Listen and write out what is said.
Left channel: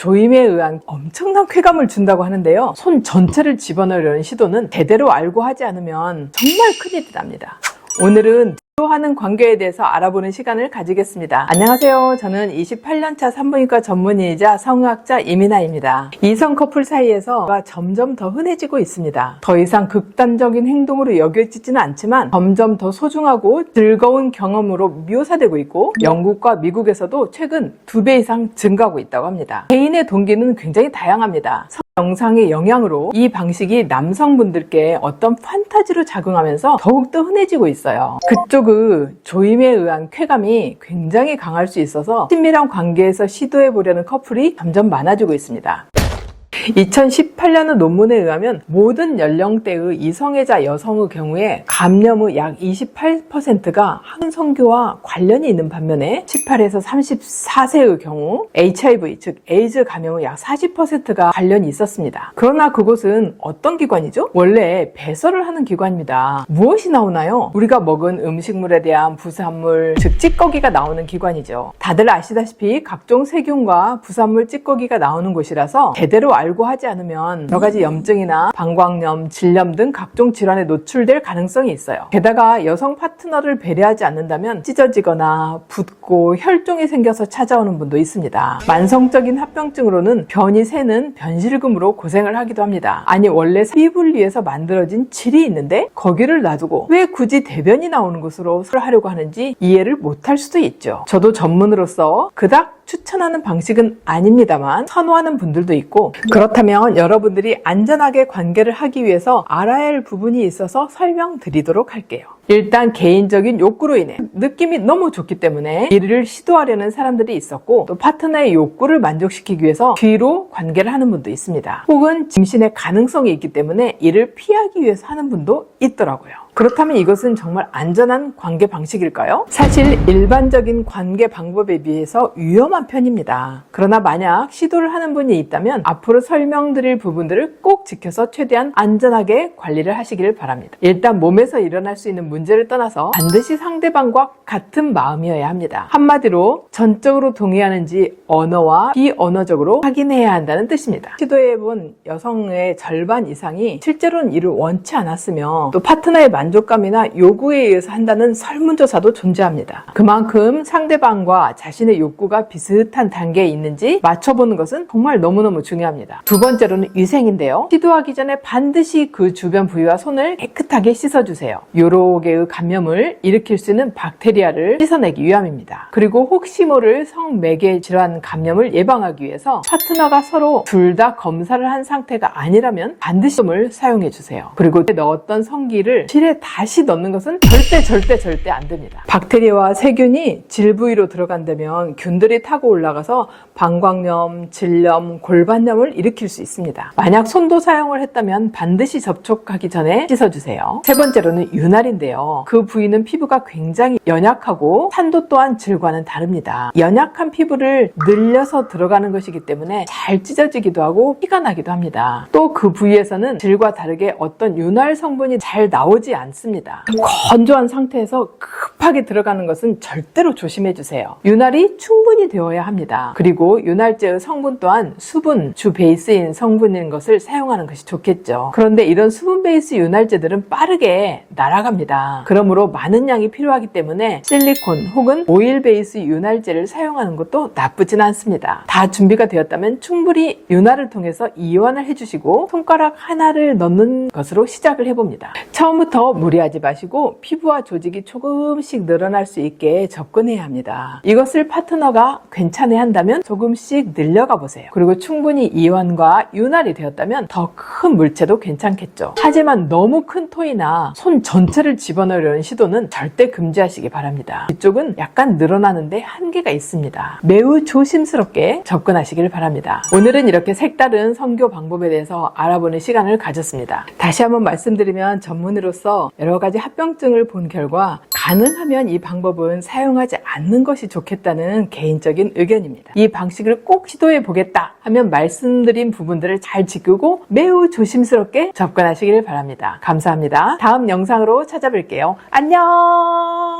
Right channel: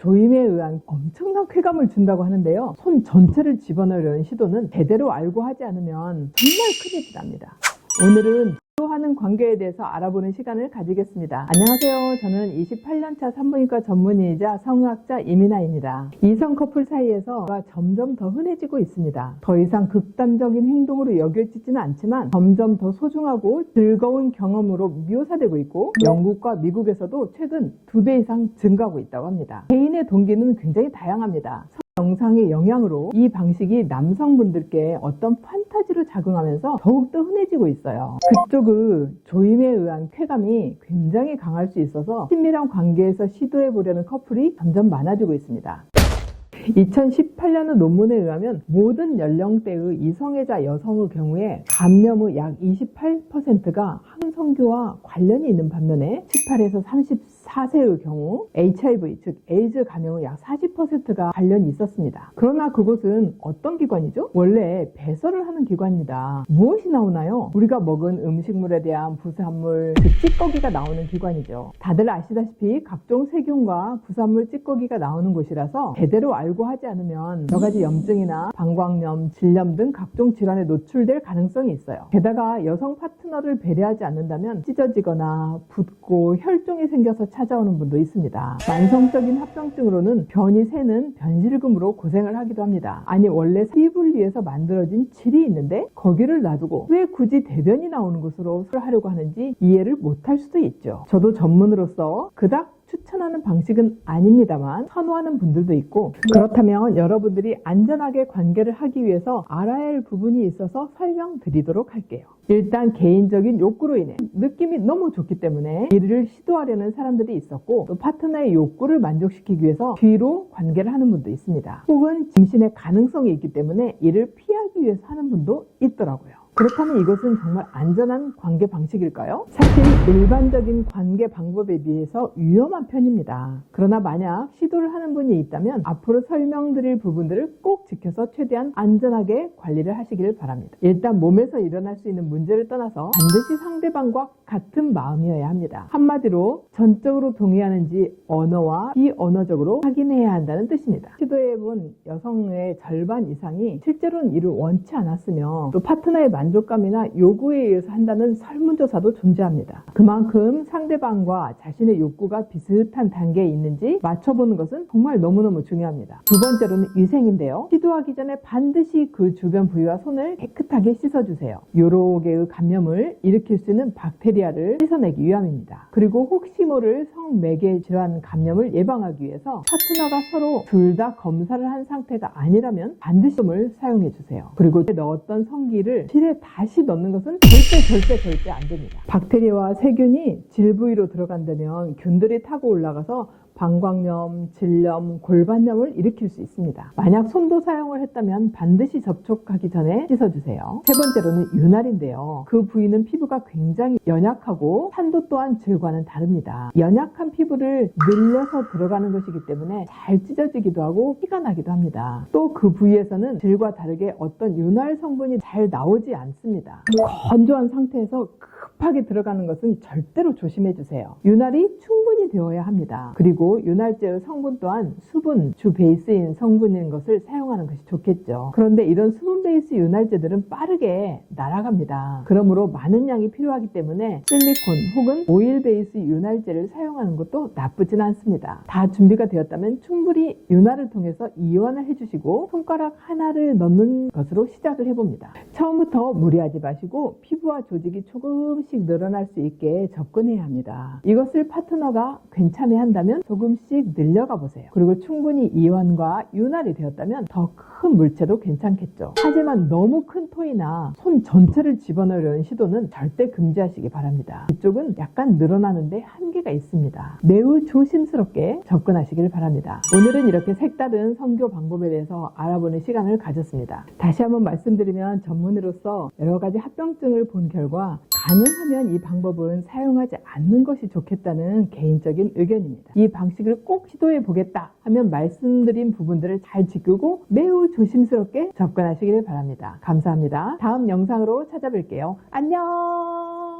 조임에 의한 엄청난 쾌감을 준다고 하는데요. 손 전체를 집어넣으려는 시도는 제대로 알고 하지 않으면 정말 큰일이 납니다. 오늘은 하는 관계에 대해서 알아보는 시간을 가지겠습니다. 안녕하세요. 저는 28년차 산부인과 전문의이자 성의학자 이민아입니다. 이성 커플 사이에서가 점점 더 흔해지고 있습니다. 더 이상 극단적인 행동으로 여겨지지는 않지만 점점 더 소중하고 즐거운 경험으로 묘사되고 있고 영국과 미국에서도 최근 두배 이상 증가하고 있다고 합니다. 개인의 동기는 굉장히 다양합니다. 영상의 영향으로 이 방식이 남성분들께 어떤 판타지로 작용하면서 더욱더 흔해지고 있어요. 그쪽의 조임에 의한 쾌감이 굉장히 강할 수 있어서 친밀한 관계에서 시도해 보려는 커플이 점점 많아지고 있습니다. 2018년의 논문에 의하면 모든 연령대의 이성애자 여성의 경우에 감염의 약 28%가 항성교와 관련이 있는 반면에 18에서 34세의 경우 HIV 즉 에이즈 감염의 약 40%가 관련이 있었습니다. 그러나 그곳은 어떤 기관이죠? 원래 배설을 하는 기관입니다. 무엇이 나오나요? 우리가 먹은 음식물에 대한 부산물 즉 찌꺼기가 나오는 기관이죠. 다들 아시다시피 각종 세균과 부산물 찌꺼기가 나오는 곳이라서 제대로 알고 하지 않으면 여러 가지 염증이나 방광염, 질염 등 각종 질환에 노출될 가능성이 있어요. 게다가 여성 파트너를 배려하지 않는다면 찢어지거나 붓고 혈종이 생겨서 찾아오는 분도 있습니다. 만성적인 합병증으로는 변이 새는 변실금으로 고생을 하기도 합니다. 아니 원래 위해서 만들어진 질이 있는데 거기를 놔두고 왜 굳이 대변이 나오는 곳으로 하려고 하는지 이해를 못할 수도 있죠. 저도 전문으로서 그닥 추천하는 방식은 아닙니다만 선호하는 분들도 있고 그렇다면 여러분들이 안전하게 관계를 하기 위해서 알아야 할 부분이 있어서 설명드리도록 할게요. 일단 개인적인 욕구로 인해 느낌이 너무 좋기 때문에 이를 시도하려는 사람들이 있었고 또 파트너의 욕구를 만족시키기 위해서 뒤로 관계를 하는 분도 있습니다. 혹은 짐신의 가능성이 있기 때문에 이를 피하기 위해서 하는 분도 있더라고요. 그렇다면 이것은 정말 안전한 관계 방식일까요? 사실 일반적인 관계 방법에 비해서 위험한 편입니다. 그러나 만약 시도를 하는 분이 있다면 앞으로 설명드릴 부분들을 꼭 지켜서 최대한 안전하게 관리를 하시기를 바랍니다. 일단 몸에서 일어날 수 있는 문제를 떠나서 반드시 상대방과 같은 마음이어야 합니다. 한마디로 전적으로 동의하는지 언어와 비언어적으로 확인해야 한다는 뜻입니다. 시도해본 여성의 절반 이상이 실제로는 이를 원치 않았으며 또 파트너의 만 족감이나 요구에 의해서 한다는 설문조사도 존재합니다. 그만큼 상대방과 자신의 욕구가 비슷한 단계에 있는지 맞춰보는 것은 정말 너무너무 중요합니다. 두 번째로는 위생인데요. 시도하기 전에 반드시 그 주변 부위와 손을 깨끗하게 씻어주세요. 개의 감염을 일으킬 수 있는 박테리아를 씻어내기 위함입니다. 그리고 혹시 모를 성매개 질환 감염을 예방하기 위해서 파트너가 서로 둘 다 검사를 한 상태가 아니라면 반드시 솜을 사용해 주세요. 그리고 넣었던 성기를 실에 다시 넣는 것은 절대 절대 절대 안 됩니다. 박테리아와 세균이 질 부위로 들어간다면 균들이 타고 올라가서 방광염, 질염, 골반염을 일으킬 수 있습니다. 만약 손도 사용을 했다면 반드시 접촉하기 전에 씻어주세요. 세 번째로는 윤활인데요. 그 부위는 피부가 굉장히 연약하고 산도 또한 질과는 다릅니다. 연약한 피부를 늘려서 들어가는 것이기 때문에 잘 찢어지기도 하고 피가 나기도 합니다. 또 그 부위에서는 질과 다르게 어떤 윤활 성분이 잘 나오지 않 습니다. 건조한 상태에서 급 하게 들어가는 것은 절대로 조심해 주세요. 윤활이 충분히 되어야 합니다. 그리고 윤활제의 성분 또한 수분 주 베이스인 성분인 것을 사용하는 것이 좋겠죠. 그런데 이런 수분 베이스 윤활제들은 빠르게 날아갑니다. 그러므로 많은 양이 필요하기 때문에 실리콘 혹은 오일 베이스 윤활제를 사용하는 것도 나쁘진 않습니다. 다 준비가 되었다면 충분히 윤활을 통해서 이완을 해주시고 손가락 하나를 넣는 것으로 시작을 해봅니다. 처음부터 무리하지 마시고 피부와 조직이 조금씩 늘어날 수 있게 접근해야 합니다. 이것을 파트너가 괜찮아 한다면 조금씩 늘려가 보세요. 그리고 충분히 이완과 윤활이 되었다면 더 큰 물체도 괜찮겠죠. 하지만 너무 큰 토이나 손 전체를 집어넣으려는 시도는 절대 금지하시기 바랍니다. 이쪽은 약간 늘어나는데 한계가 있습니다. 매우 조심스럽게 접근하시길 바랍니다. 오늘은 이렇게 색다른 성교 방법에 대해서 알아보는 시간을 가졌습니다. 다시 한번 말씀드리면 전문의로서 여러 가지 합병증을 본 결과 가능하면 이 방법은 사용하지 않는 것이 좋겠다는 개인적인 의견입니다. 이 방식을 꼭 시도해 보겠다 하면 말씀드린 부분들을 잘 지키고 매우 조심스럽게 접근하시길 바랍니다. 감사합니다. 다음 영상으로 찾아뵐게요. 안녕!